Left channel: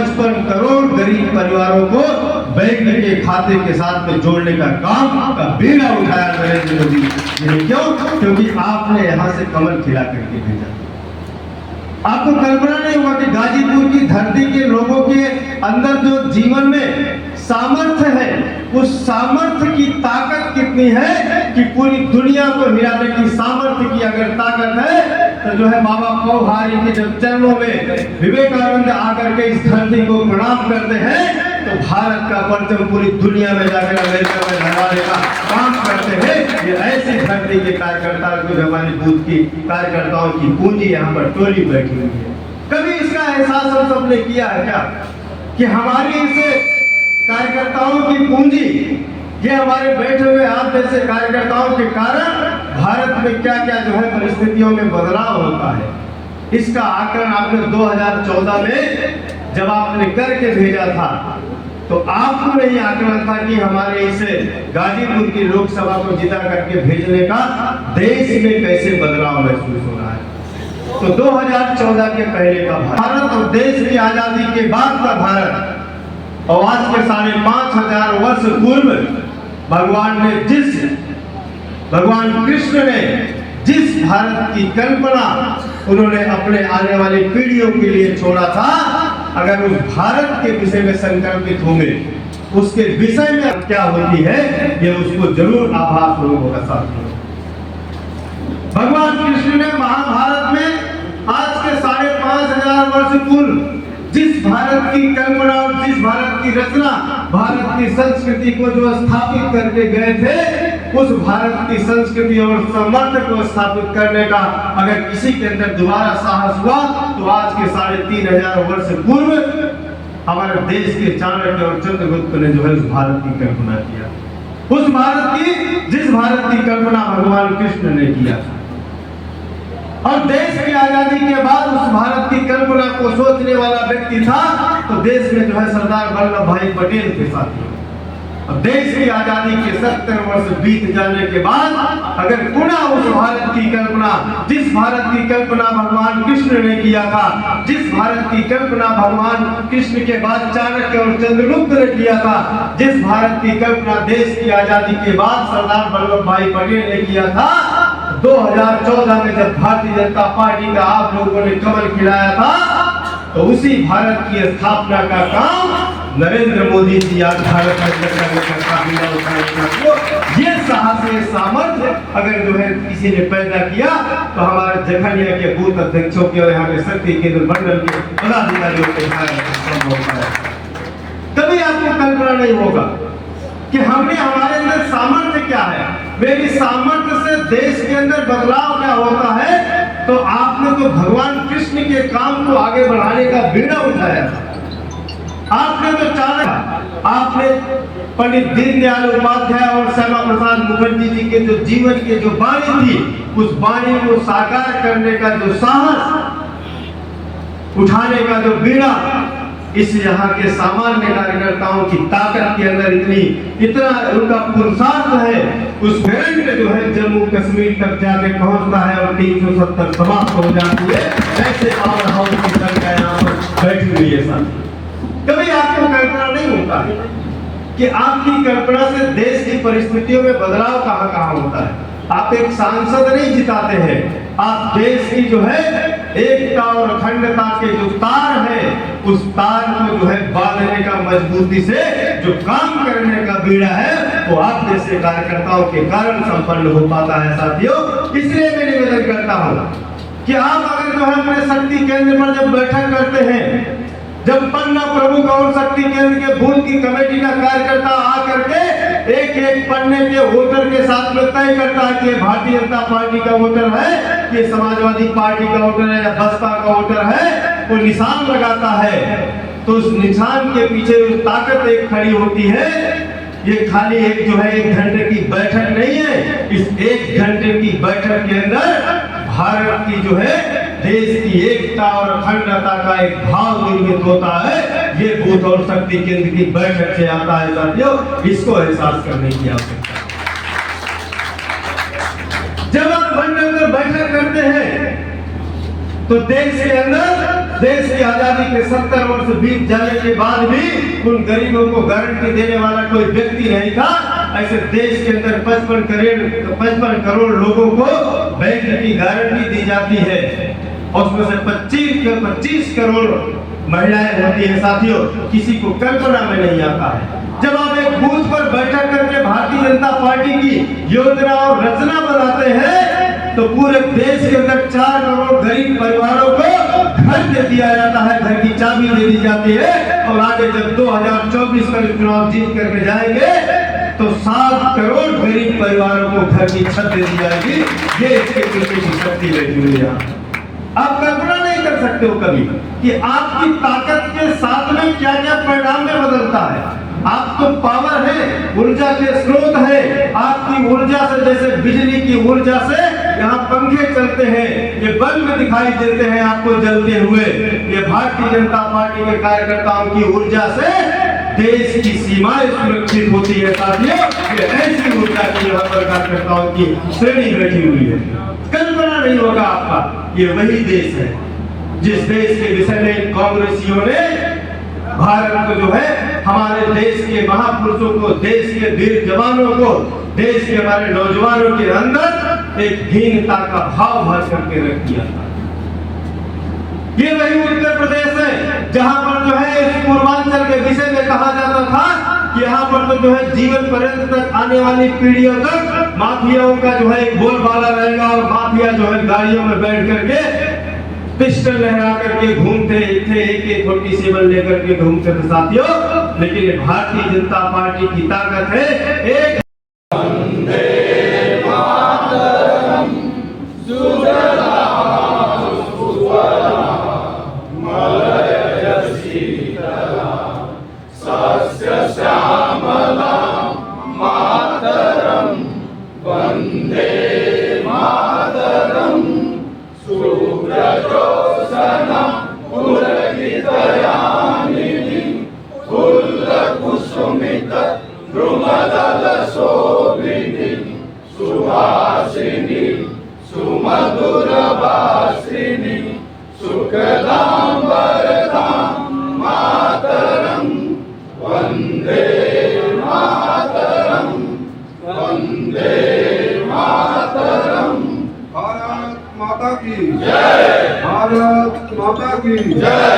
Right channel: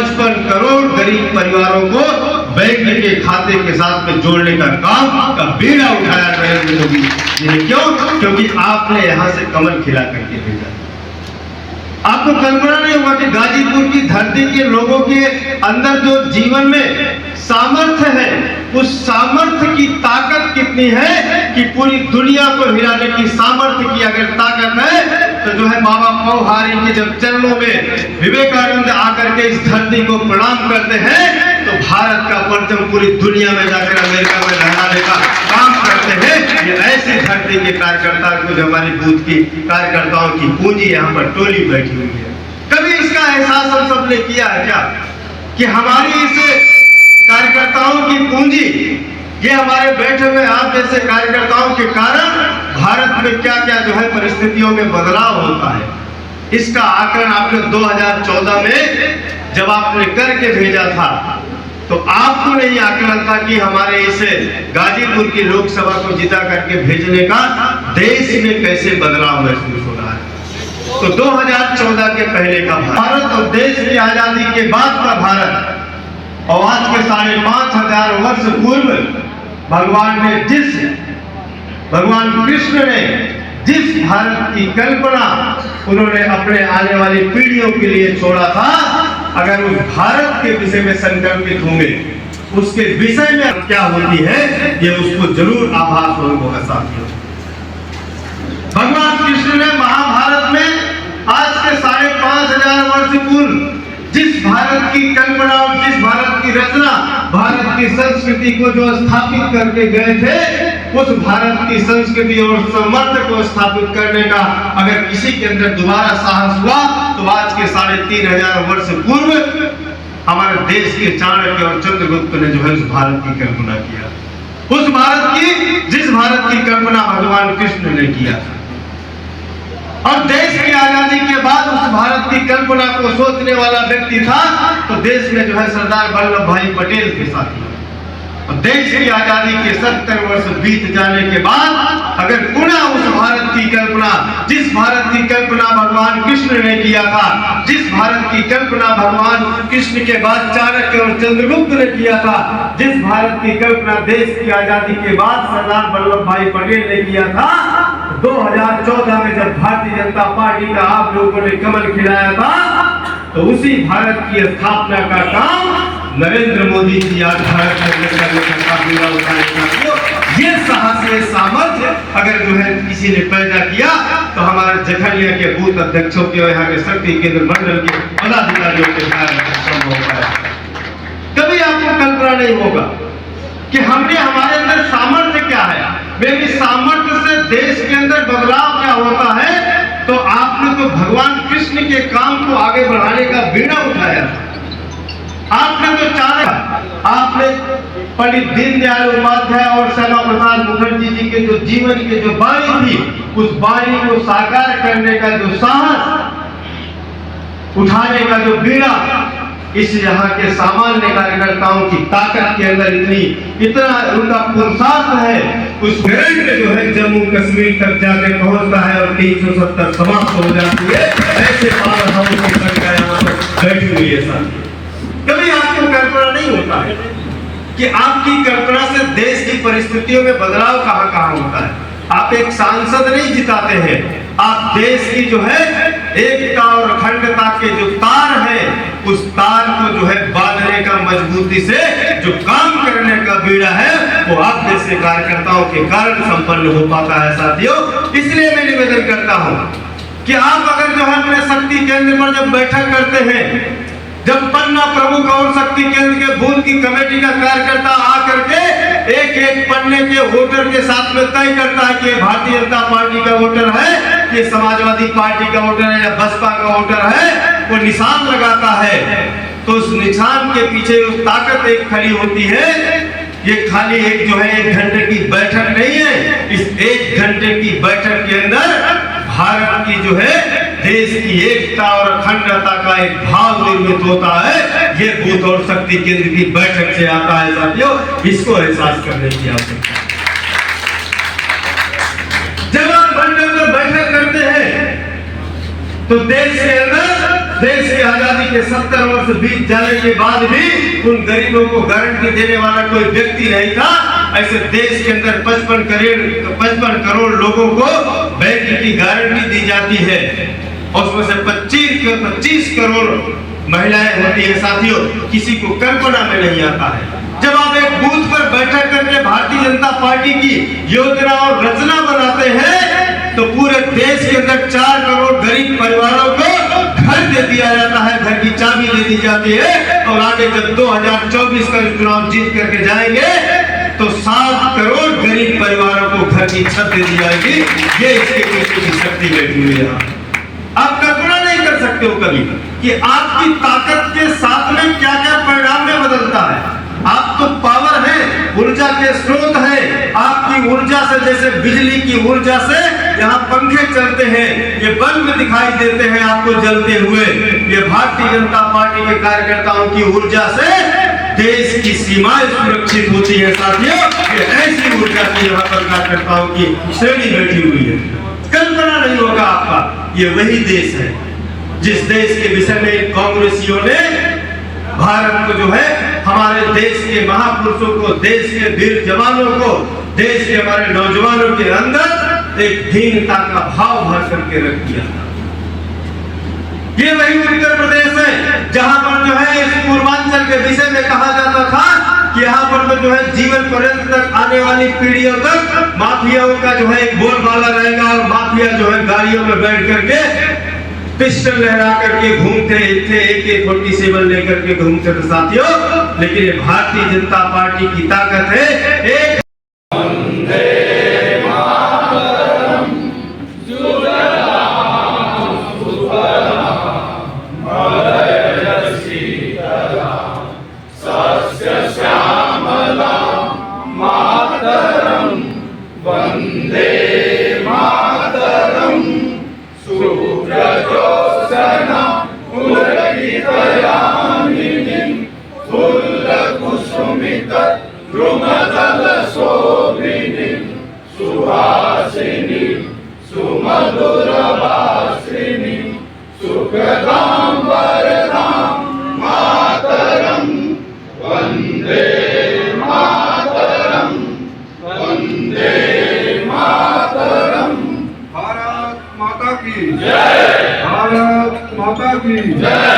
155 करोड़ गरीब परिवारों को बैंक के खाते के साथ में जोड़ने का काम का बीड़ा उठाया नरेंद्र मोदी जी ने। क्यों? क्योंकि आपने यहाँ से कमल खिला करके भेजा। आपको कल्पना नहीं होगा कि गाजीपुर की धरती के लोगों के अंदर जो जीवन में सामर्थ्य है, उस सामर्थ्य की ताकत कितनी है कि पूरी दुनिया को हिलाने की सामर्थ्य की अगर ताकत है तो जो है बाबा पौहारी के जब चरणों में विवेकानंद आकर के इस धरती को प्रणाम करते हैं तो भारत का परचम पूरी दुनिया में जाकर अमेरिका में लहराने का काम करते हैं। ये ऐसी धरती के कार्यकर्ता को जो हमारी बूथ की कार्यकर्ताओं की पूंजी यहाँ पर टोली बैठी हुई है। कभी इसका एहसास हम सबने किया है क्या कि हमारी इस कार्यकर्ताओं की पूंजी, ये हमारे बैठे हुए आप जैसे कार्यकर्ताओं के कारण भारत में क्या क्या जो है परिस्थितियों में बदलाव होता है। इसका आकलन आपने 2014 में जब आपने करके भेजा था तो आपको यही आकलन था कि हमारे इस गाजीपुर की लोकसभा को जिता करके भेजने का देश में कैसे बदलाव महसूस हो रहा है। तो 2014 के पहले का भारत और देश की आजादी के बाद का भारत और आज के 5,500 वर्ष पूर्व भगवान कृष्ण ने जिस भारत की कल्पना उन्होंने अपने आने वाली पीढ़ियों के लिए छोड़ा था, अगर उस भारत के विषय में संकल्पित होंगे, उसके विषय में क्या होती है ये उसको जरूर आभास होगा साथियों। भगवान कृष्ण ने महाभारत में आज के 5,500 वर्ष पूर्व जिस भारत की कल्पना और जिस भारत की रचना, भारत की संस्कृति को जो स्थापित करके गए थे, उस भारत की संस्कृति और सामर्थ्य को स्थापित करने का अगर किसी के अंदर दोबारा साहस हुआ तो आज के 3,500 वर्ष पूर्व हमारे देश के चाणक्य और चंद्रगुप्त ने जो है उस भारत की कल्पना किया। उस भारत की, जिस भारत की कल्पना भगवान कृष्ण ने किया था। और देश की आजादी के बाद उस भारत की कल्पना को सोचने वाला व्यक्ति था तो देश में जो है सरदार वल्लभ भाई पटेल के साथी। और देश की आजादी के 70 वर्ष बीत जाने के बाद अगर पुनः उस भारत की कल्पना, जिस भारत की कल्पना भगवान कृष्ण ने किया था, जिस भारत की कल्पना भगवान कृष्ण के बाद चाणक्य और चंद्रगुप्त ने किया था, जिस भारत की कल्पना देश की आजादी के बाद सरदार वल्लभ भाई पटेल ने किया था, 2014 में जब भारतीय जनता पार्टी का आप लोगों ने कमल खिलाया था तो उसी भारत की स्थापना का काम नरेंद्र मोदी जी आज भारत ये साहस, ये सामर्थ्य अगर जो है किसी ने पैदा किया तो हमारे जखनिया के बूथ अध्यक्षों के और यहाँ के शक्ति केंद्र मंडल के पदाधिकारियों के संभव होता है। कभी आपको कल्पना नहीं होगा कि हमने हमारे अंदर सामर्थ्य क्या है, मेरी सामर्थ्य से देश के अंदर बदलाव क्या होता है। तो आपने तो भगवान कृष्ण के काम को आगे बढ़ाने का बीड़ा उठाया था। आपने तो चाहा, आपने पंडित दीनदयाल उपाध्याय और श्यामा प्रसाद मुखर्जी जी के जो जीवन के जो वाणी थी, उस वाणी को साकार करने का जो साहस, उठाने का जो बीड़ा, इस यहाँ के सामान्य कार्यकर्ताओं की ताकत के अंदर इतना उनका पुरुषार्थ है। उस करंट जो है जम्मू कश्मीर तक जाके पहुंचता है और 370 समाप्त हो जाती है। ऐसे पावर हाउस की सरकार यहाँ पर बैठी हुई है साथी। कभी आपको कल्पना नहीं होता है कि आपकी कल्पना से देश की परिस्थितियों में बदलाव कहाँ कहाँ होता है। आप एक सांसद नहीं जिताते हैं, आप देश की जो है एकता और अखंडता के जो तार है, उस तार को जो है बांधने का मजबूती से जो काम करने का बीड़ा है वो आप जैसे कार्यकर्ताओं के कारण संपन्न हो पाता है साथियों। इसलिए मैं निवेदन करता हूँ कि आप अगर जो है अपने शक्ति केंद्र पर जब बैठक करते हैं, जब पन्ना प्रमुख और शक्ति केंद्र के बूथ की कमेटी का कार्यकर्ता आकर के एक एक पन्ने के वोटर के साथ में तय करता है कि भारतीय जनता पार्टी का वोटर है, कि समाजवादी पार्टी का वोटर है या बसपा का वोटर है, वो निशान लगाता है, तो उस निशान के पीछे उस ताकत एक खड़ी होती है। ये खाली एक जो है 1 घंटे की बैठक नहीं है। इस 1 घंटे की बैठक के अंदर भारत की जो है देश की एकता और अखंडता का एक भाव निर्मित होता है। ये बूथ और शक्ति केंद्र की बैठक से आता है साथियों, इसको एहसास करने की आवश्यकता है। जब आप मंडल में बैठक करते हैं तो देश के अंदर देश की आजादी के 70 वर्ष बीत जाने के बाद भी उन गरीबों को गारंटी देने वाला कोई व्यक्ति नहीं था। ऐसे देश के अंदर 55 करोड़ लोगों को बैंक की गारंटी दी जाती है, और उसमें से 25 करोड़ महिलाएं होती है। साथियों, किसी को कल्पना में नहीं आता है। जब आप एक बूथ पर बैठक करके भारतीय जनता पार्टी की योजना और रचना बनाते हैं तो पूरे देश के अंदर 4 करोड़ गरीब परिवारों को घर दे दिया जाता है, घर की चाबी दे दी जाती है। और आगे जब 2024 का चुनाव जीत करके जाएंगे तो 7 करोड़ गरीब परिवारों को घर की छत दे दी जाएगी। ये इसके पीछे की शक्ति बैठी हुई है। आप कल्पना नहीं कर सकते हो कभी कि आपकी ताकत के साथ में क्या क्या परिणाम में बदलता है। आप तो पावर है, ऊर्जा के स्रोत है। आपकी ऊर्जा से, जैसे बिजली की ऊर्जा से यहाँ पंखे चलते हैं, ये बल्ब दिखाई देते हैं आपको जलते हुए, ये भारतीय जनता पार्टी के कार्यकर्ताओं की ऊर्जा से देश की सीमाएं सुरक्षित होती है। साथियों, ये ऐसी ऊर्जा की यहाँ पर कार्यकर्ताओं की श्रेणी बैठी हुई है। कल्पना नहीं होगा आपका, ये वही देश है जिस देश के विषय में कांग्रेसियों ने भारत को जो है, हमारे देश के महापुरुषों को, देश के वीर जवानों को, देश के हमारे नौजवानों के अंदर एक हीनता का भाव भर करके रख दिया था। ये वही उत्तर प्रदेश है जहां पर जो है इस पूर्वांचल के विषय में कहा जाता था कि यहाँ पर तो जो है जीवन पर्यंत तक आने वाली पीढ़ियों तक माफियाओं का जो है एक बोलबाला रहेगा, और माफिया जो है गाड़ियों में बैठ करके पिस्टल लहरा करके घूमते थे, AK-47 लेकर के घूमते थे। साथियों, लेकिन ये भारतीय जनता पार्टी की ताकत है। एक सुहासिनी सुमधुरभाषिणी सुखदां वरदां मातरं वन्दे मातरं वन्दे मातरं। भारत माता की जय, भारत माता की जय।